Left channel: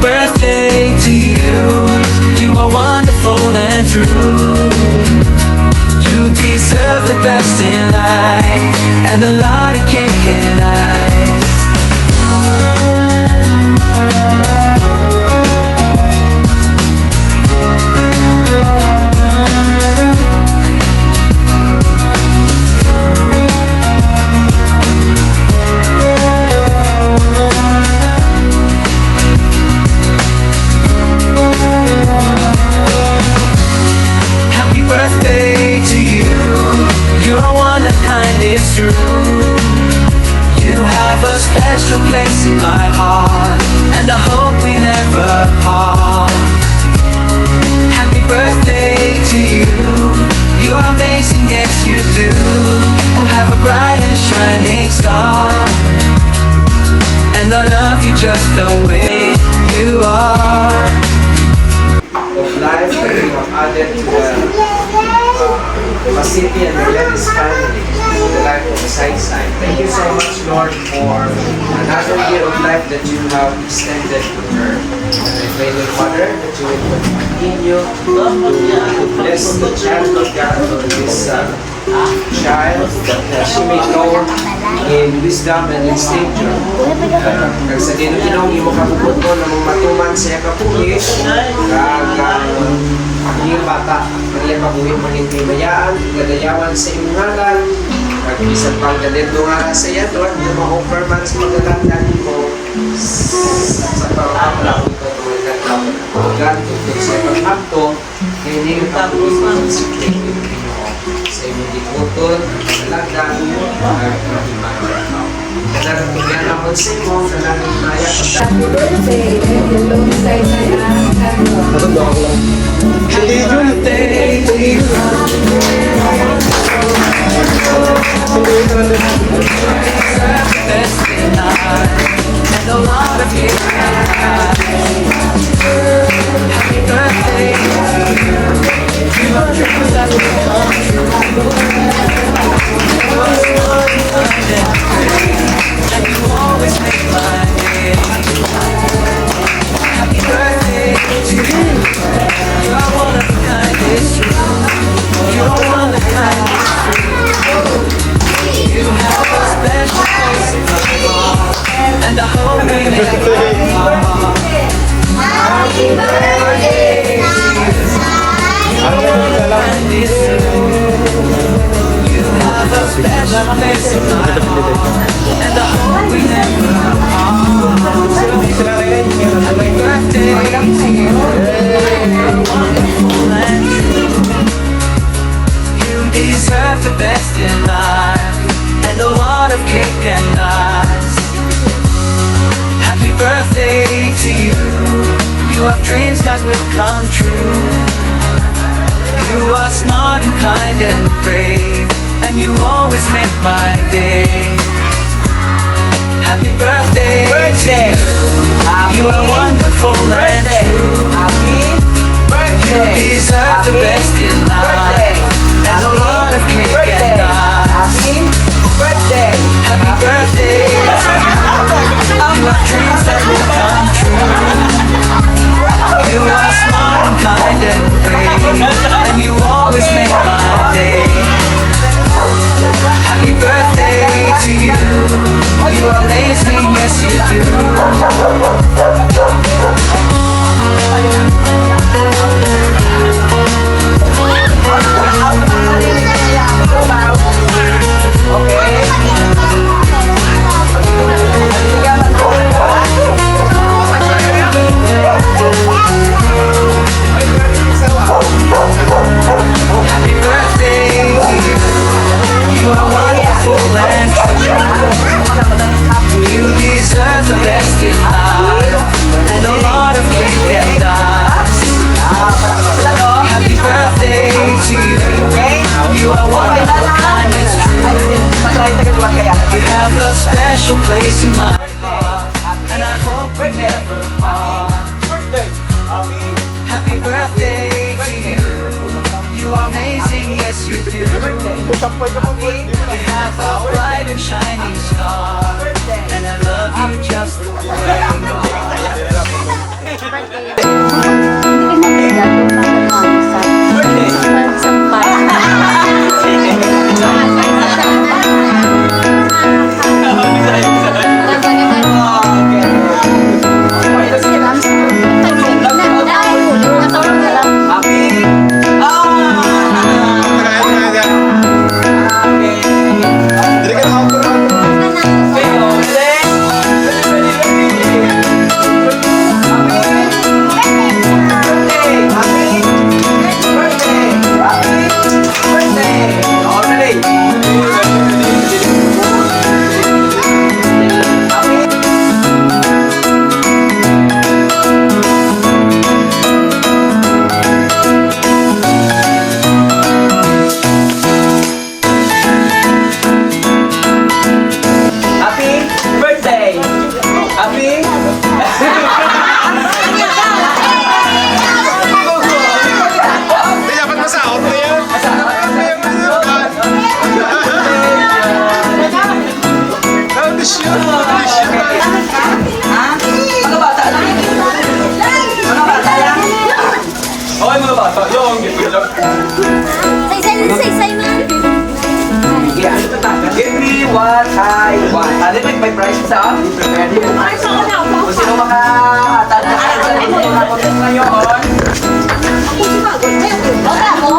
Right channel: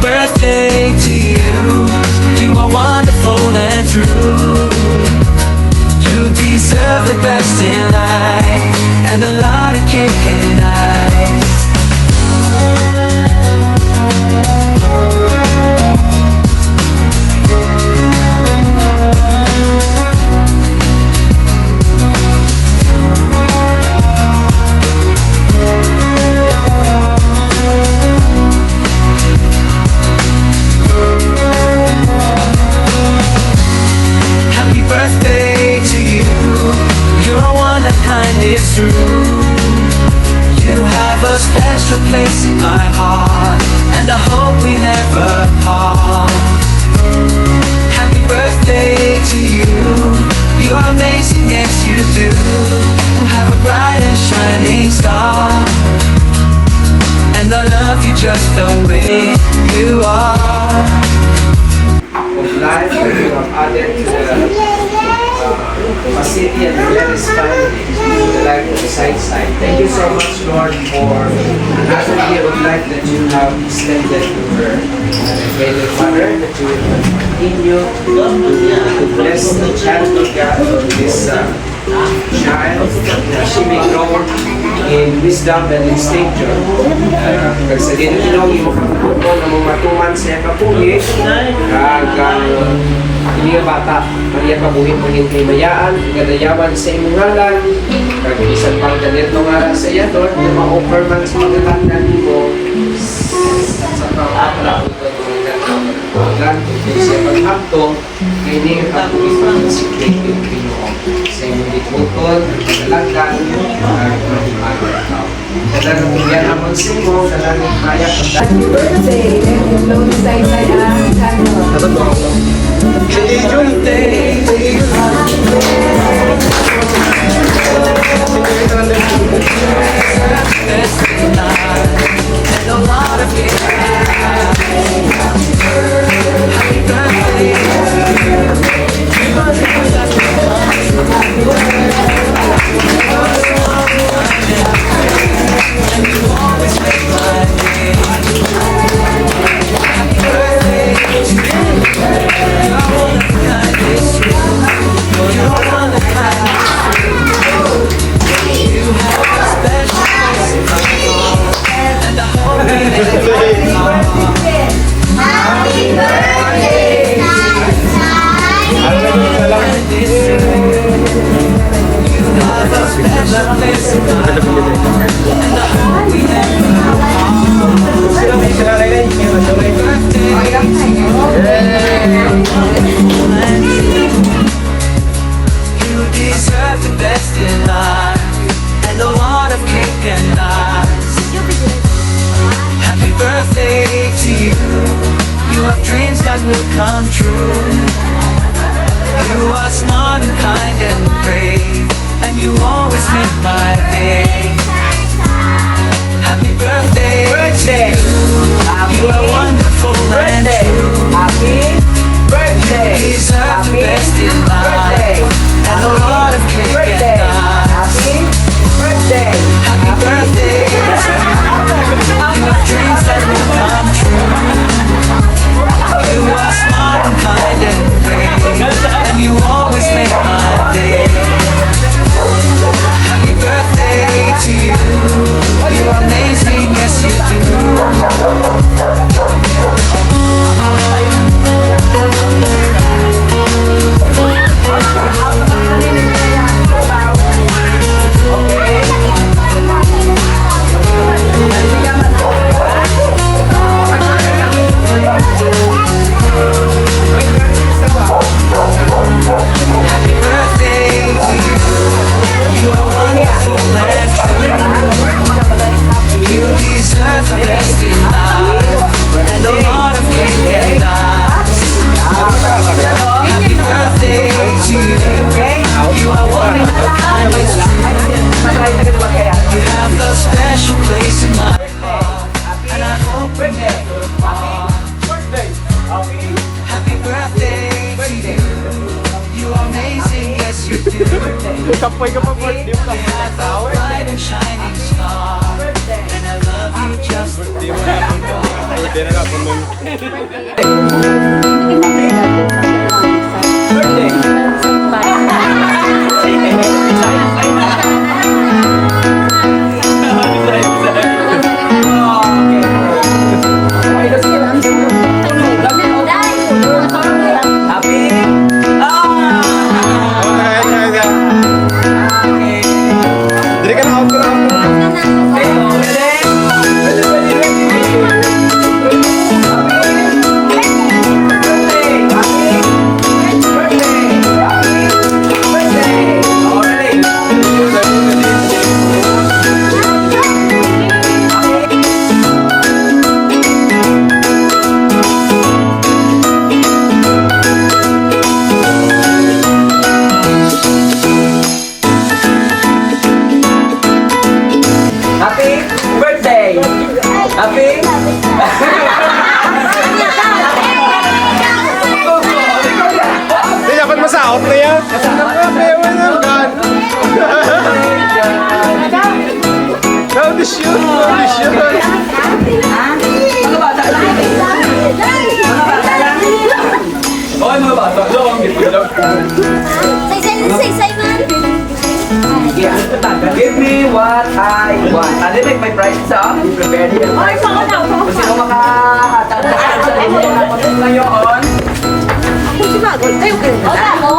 birthday to you. You are wonderful and true. You deserve the best in life, and a lot of cake and ice. Birthday to you. You're one of kind, it's true. You have a special place in my heart, and I hope we never part. Happy birthday to you. You're amazing, yes you do. Have a bright and shining star, and I love you just the way you are. Of life that you have added to the facility and the Lennis family, the life of the side. Thank you so much, Lord, for another year of life that you have extended to her. I pray, Lord Father, that you will continue to bless the child of God, of this child, that she may grow in wisdom and in stature. Kag sa Ginoo imo kaputo na mong matuman sa kapuhi, kag iya bata, kaniya pabuhi mo ning himayaan, gadayawan sa imong ngalan, kag bisan pang ganito nga sa iya, Lord, na ma-offer man sa mga tanda mo sa pang-akla ko program sa pag-akto, hindi yung kapuhi sa secret yung Ginoo. Sa imong giputol, talaga, dan yan ang magsimo sa langit maya. Happy birthday, hello sa Happy birthday to you. Best in life, and a lot of cake. Happy birthday to you. You have dreams that will come true. You are smart and kind and brave, and you always make my day. Happy birthday to you. You are one of a kind, it's true. You are one of a kind, it's true. You have a special place in my heart, and I hope we never part. Happy birthday to you. You are one of a kind, it's true. You have a special place in my heart, and I hope we never part. Happy birthday to you. You're wonderful and true. You deserve the best in life, and a lot of cake and ice. Happy birthday to you. You have dreams that will come true. You are smart and kind and brave, and you always make my day. Happy birthday to you. You are wonderful and true. You deserve the best in life, and a lot of cake and ice. Happy birthday to you. You have dreams that will come true. You are smart and kind and brave, and you always make my day. Happy birthday to you. You are amazing, yes you do. Happy birthday to you. You are wonderful and true. You deserve the best in life, and a lot of cake and ice. Happy birthday to you. You are one of a kind, it's true. You have a special place in my heart, and I hope we never part. Happy birthday to you. You are amazing, yes you do. You have a bright and shining star, and I love you just the way you are. Happy? Happy birthday! Happy? Hindi, dapat masaot na yan. Audition! Audition! Mga bata lang. Mga bata lang. Okay, mga bata lang. Say, man. Give me what I want. Ano may price sa akin? Prepared yung price. Gusto mo makatala sa ito na ko ngayon. Wala mo.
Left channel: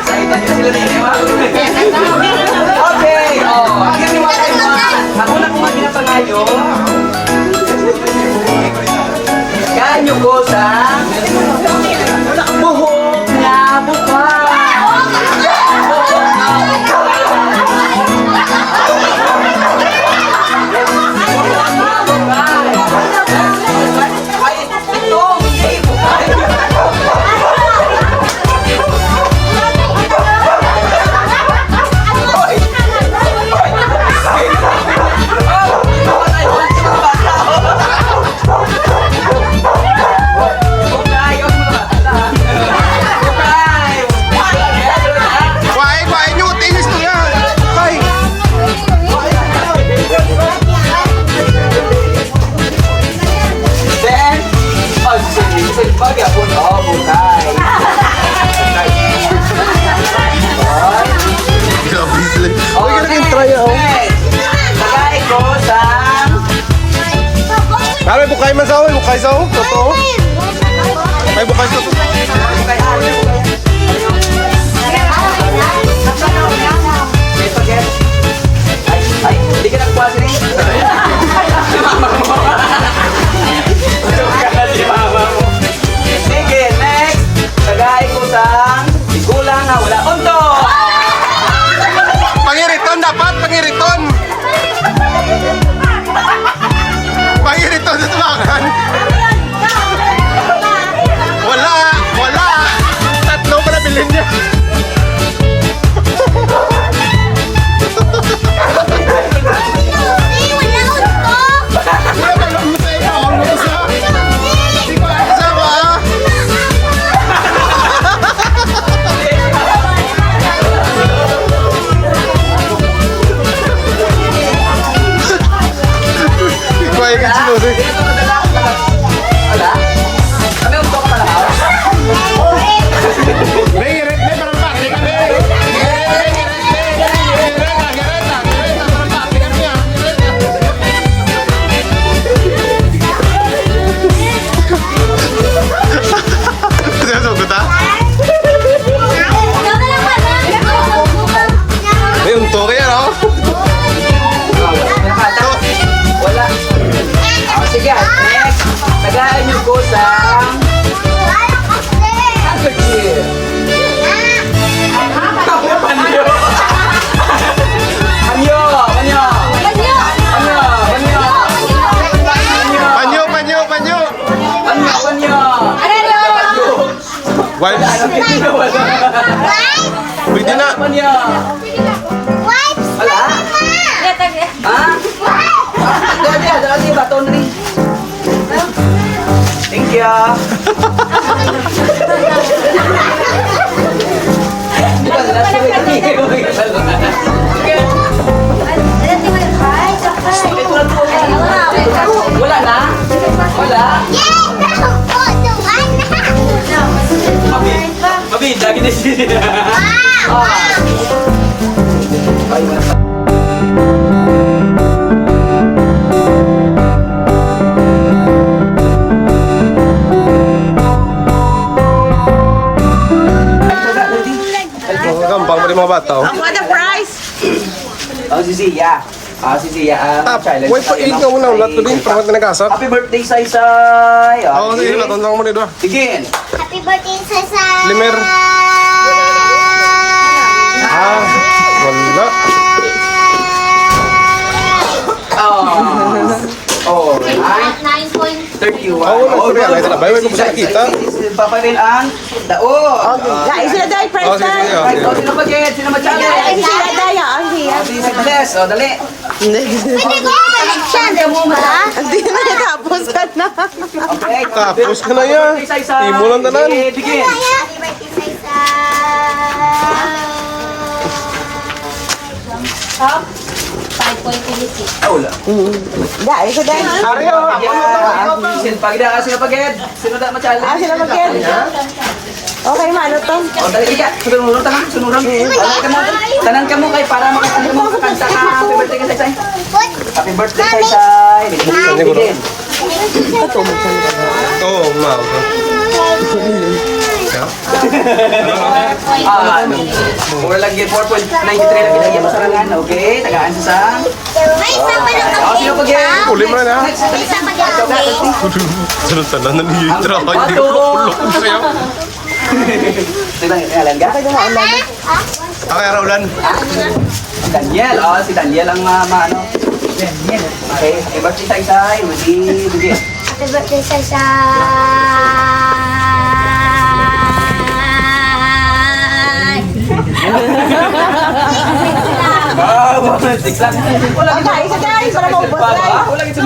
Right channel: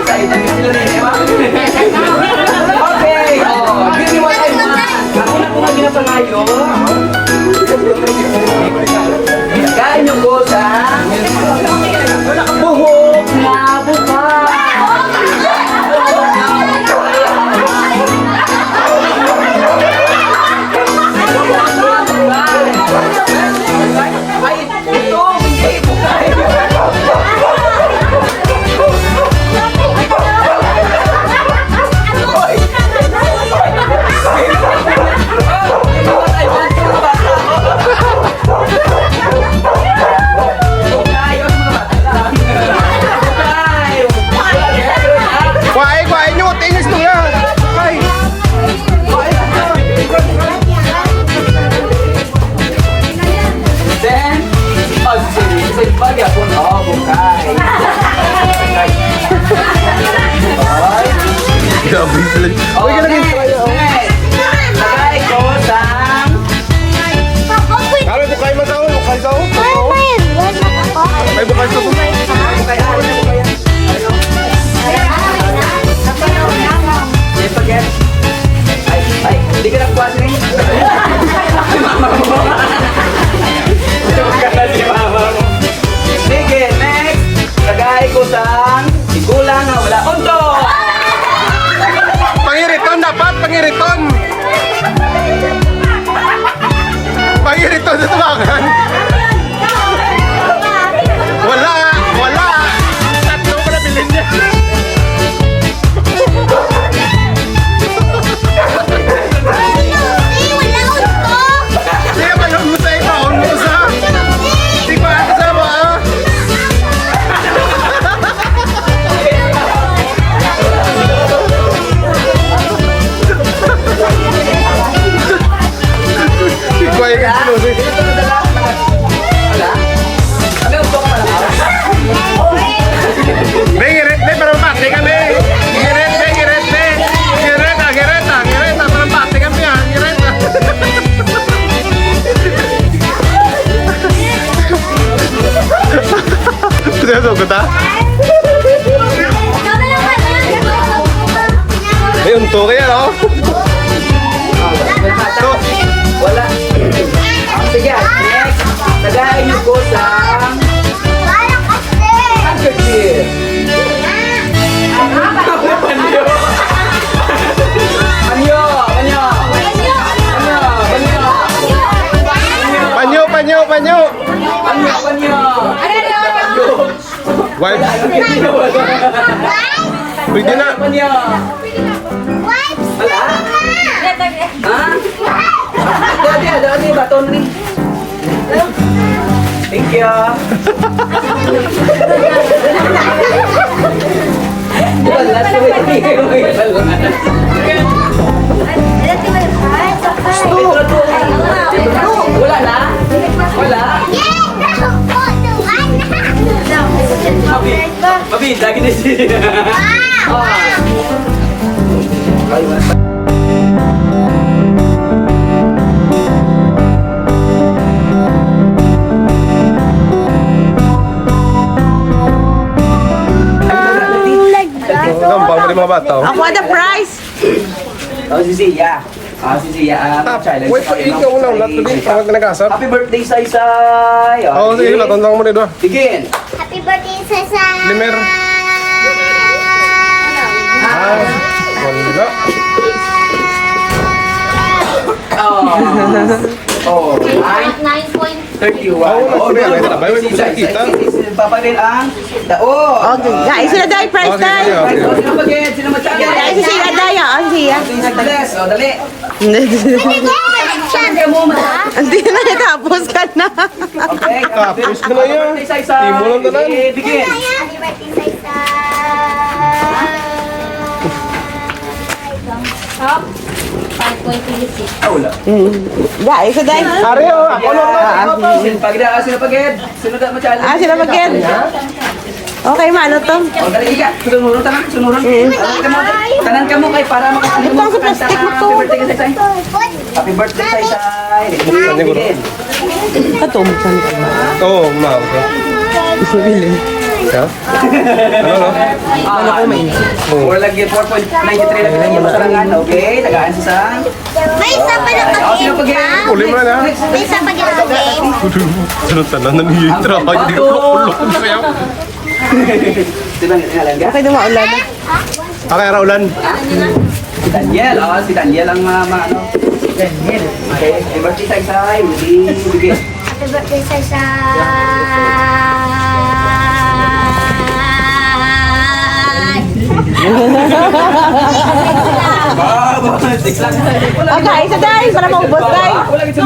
Excited ka sila din, ba? Okay, give me what I want. Ako na kung ano pa ngayon. Kaya nyo ko sa buhok na buka. Ay, ito, hindi buka. Kuhain nyo! Tinis nyo nga! Ay! Then, sa bagay ako na bukay. Grabe sila. Uy, ka naging try. Lagay ko sa... Ano, bukay man sa akin? Bukay sa akin? Ay, bukay sa akin. Ay, hindi ka nagkuha siya. Sige, next. Lagay ko sa... Kulang nga, wala. Unto! Pangiriton dapat! Pangiriton! Pangiriton sa tumakan! Wala! Wala! Tatlo pala bilhin na! Hindi ka malumusa ito! Malumusa! Hindi ko asa ba? Ikuha yung sinusunod. Wala? Ano yung book pala? Giret, pero pati kami. Gireta, pero pati kami yan. Gireta. Sinasugod ha? May unto kaya no? Wala. Sige, next. Lagay niyo ko sa... handkerchief. Panyo! Panyo! Panyo! Panyo! Panyo! Panyo! Panyo! Panyo! Wives? Wala. Pwede na. Panyo! Wala? Ha? Dati, bato na rin. Thank you. Bobby, lagi na siya. Gampang pa rin mga bata, oh. What the price? Oh, si Sia. Ah, si Sia. Challenge. Wait, pag-ilit ka muna. Ulat ko din. Pangat na nag-asap. Happy birthday, Saysay. Oo, sige, natandang mo dito. Begin. Happy birthday, Sasa! Limer. Ah, wala. Oh, 9.31. Oo, nagpapayala. Ito na ba? May gusto kita. Papalin ang daot. Guys, sila tayo price Oh, sige, sige. tayo. Okay. Sino mag-get? Sino ma-challenge? Sila tayo, Andy. Si Bless. O, dali. Hindi na natapos ka na. Okay. Tapos ka na yan. Birthday, Saysay. Imulan na lang. Begin. Happy birthday, Sasa! 5.26. Ah, wala. Guys, sila tayo. Ari, oh. Ako na to. Sino pag-get? Sino pag-get? Sino da ma-challenge? Ah, sila mag-get. Okay, mano to? O, dali ka. Sunurong tanang. Sunurong. Tanan ka mo kay para makakanta mo kakanta ka. Happy birthday kay Saysay. Happy birthday, Saysay. Kanya ko, no? Begin. Oo, ma. Okay. Yeah? Ano, no? Or lagi 4.93 lang pinagyan masarangan. Okay, tagaan sa May isa pa na sino kami. pag-get? Uli mo na. May isa pa na kami. Sunod-talan na niyo yung trabaho. Hindi ko ulok ko sa'yo. Sino nga ka? Okay, Raulan. Si Daniel. Oh, si Daniel ang ano. Daniel. Okay, happy birthday, Saysay. Begin. Happy birthday, Sasa! Wala gid sa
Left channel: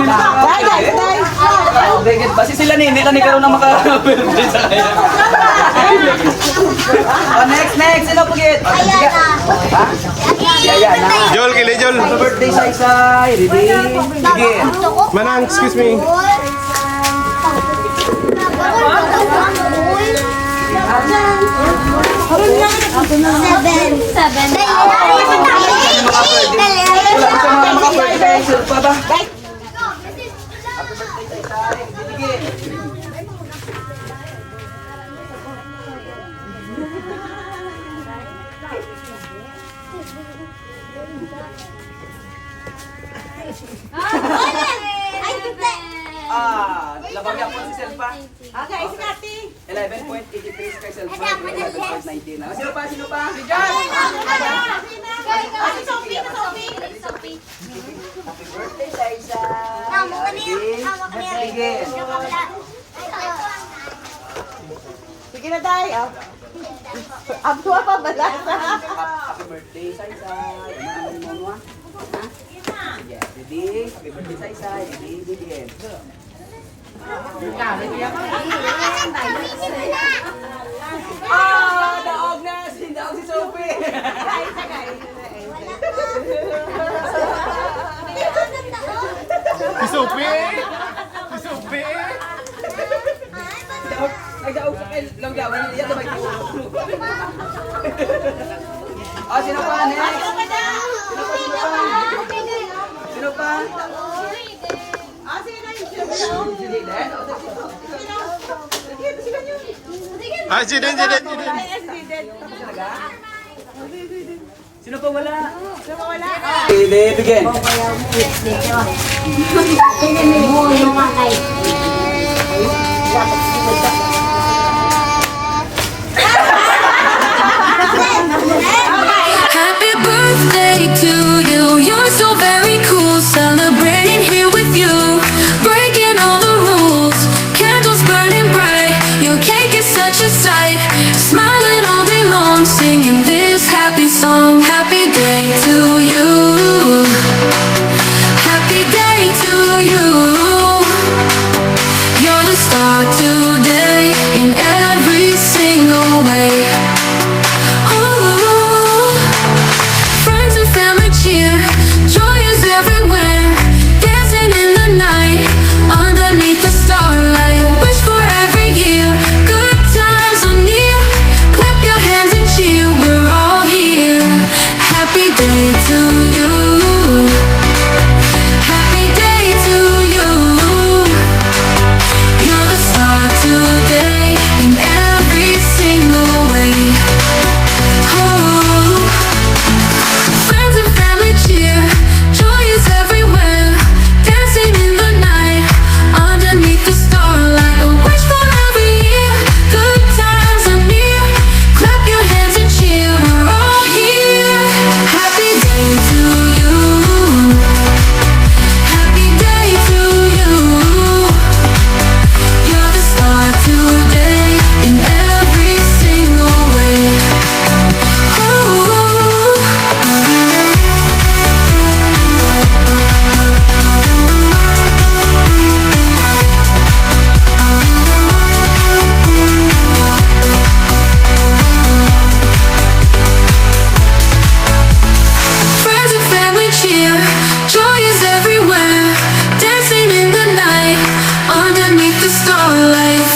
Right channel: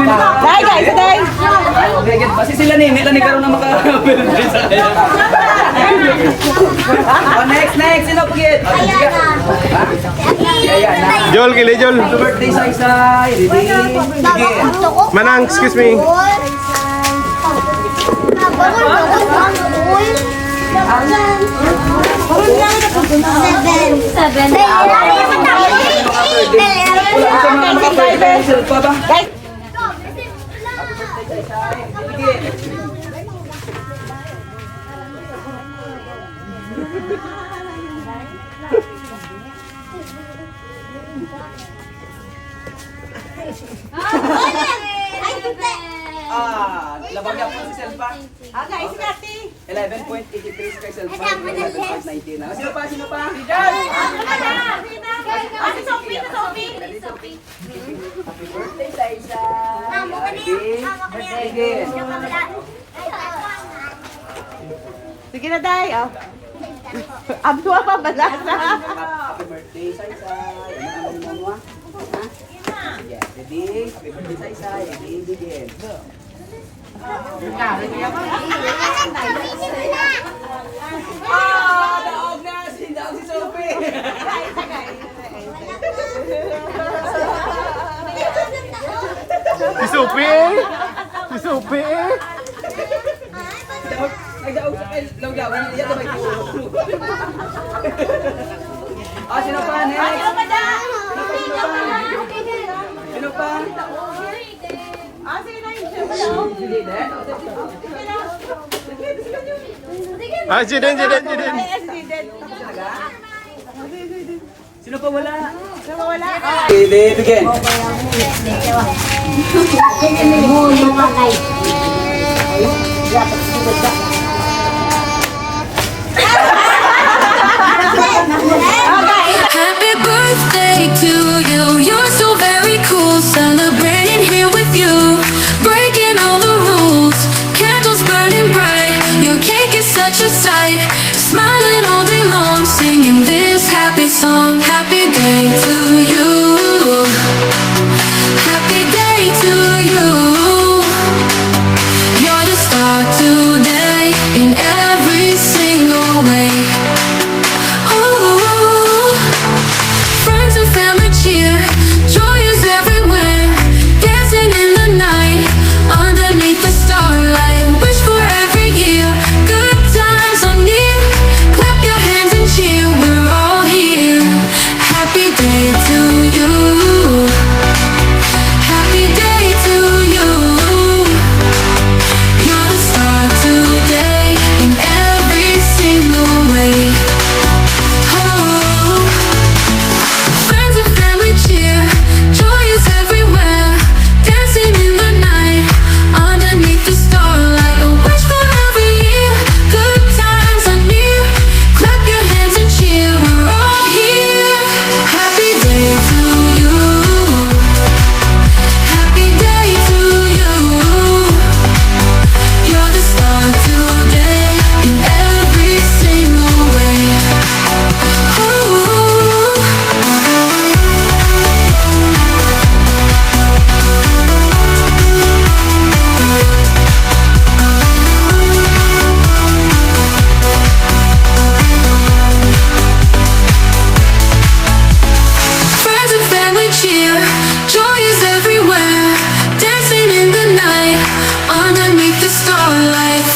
Oh, begit basi sila ni nila ni karon na maka-birthday sa kaya. Oh, next. Sino pagit? Ayana. Jol, kili Jol. Happy birthday, Saysay. Ready? Begin. Manang, excuse me. Seven. Wala ka mga maka-birthday sa pa ba? Happy birthday, Saysay. Begin. Labag yan po si Selpa. Okay, si Kati. 11.83 kay Selpa. 11.19 na. Sino pa? Si Sophie. Happy birthday, Saysay. Begin. Sige na tayo. Ang tuwa pa ba na? Happy birthday, Saysay. Ano mo? Yeah, ready? Happy birthday, Saysay. Ready? Begin. Daog na! Daog si Sophie! Si Sophie. Si Sophie. Nagdaog sa kayo. Langgawan. Yan na ba ito? Sino pa? Next! Sino pa? Sige, Dek. Ah, Jiden. Sino pa wala? Ready, begin. Happy birthday to you. You're so very cool. Celebrating here with you. Breaking all the rules. Candles burning bright. Your cake is such a sight. Smiling all day long. Singing this happy song. Happy day to you. Happy day to you. You're the star today. In every single way. Ooh. Friends and family cheer, joy is everywhere. Dancing in the night, underneath the starlight. Wish for every year, good times are near. Clap your family cheer. Joy is everywhere, dancing in the night, underneath the starlight.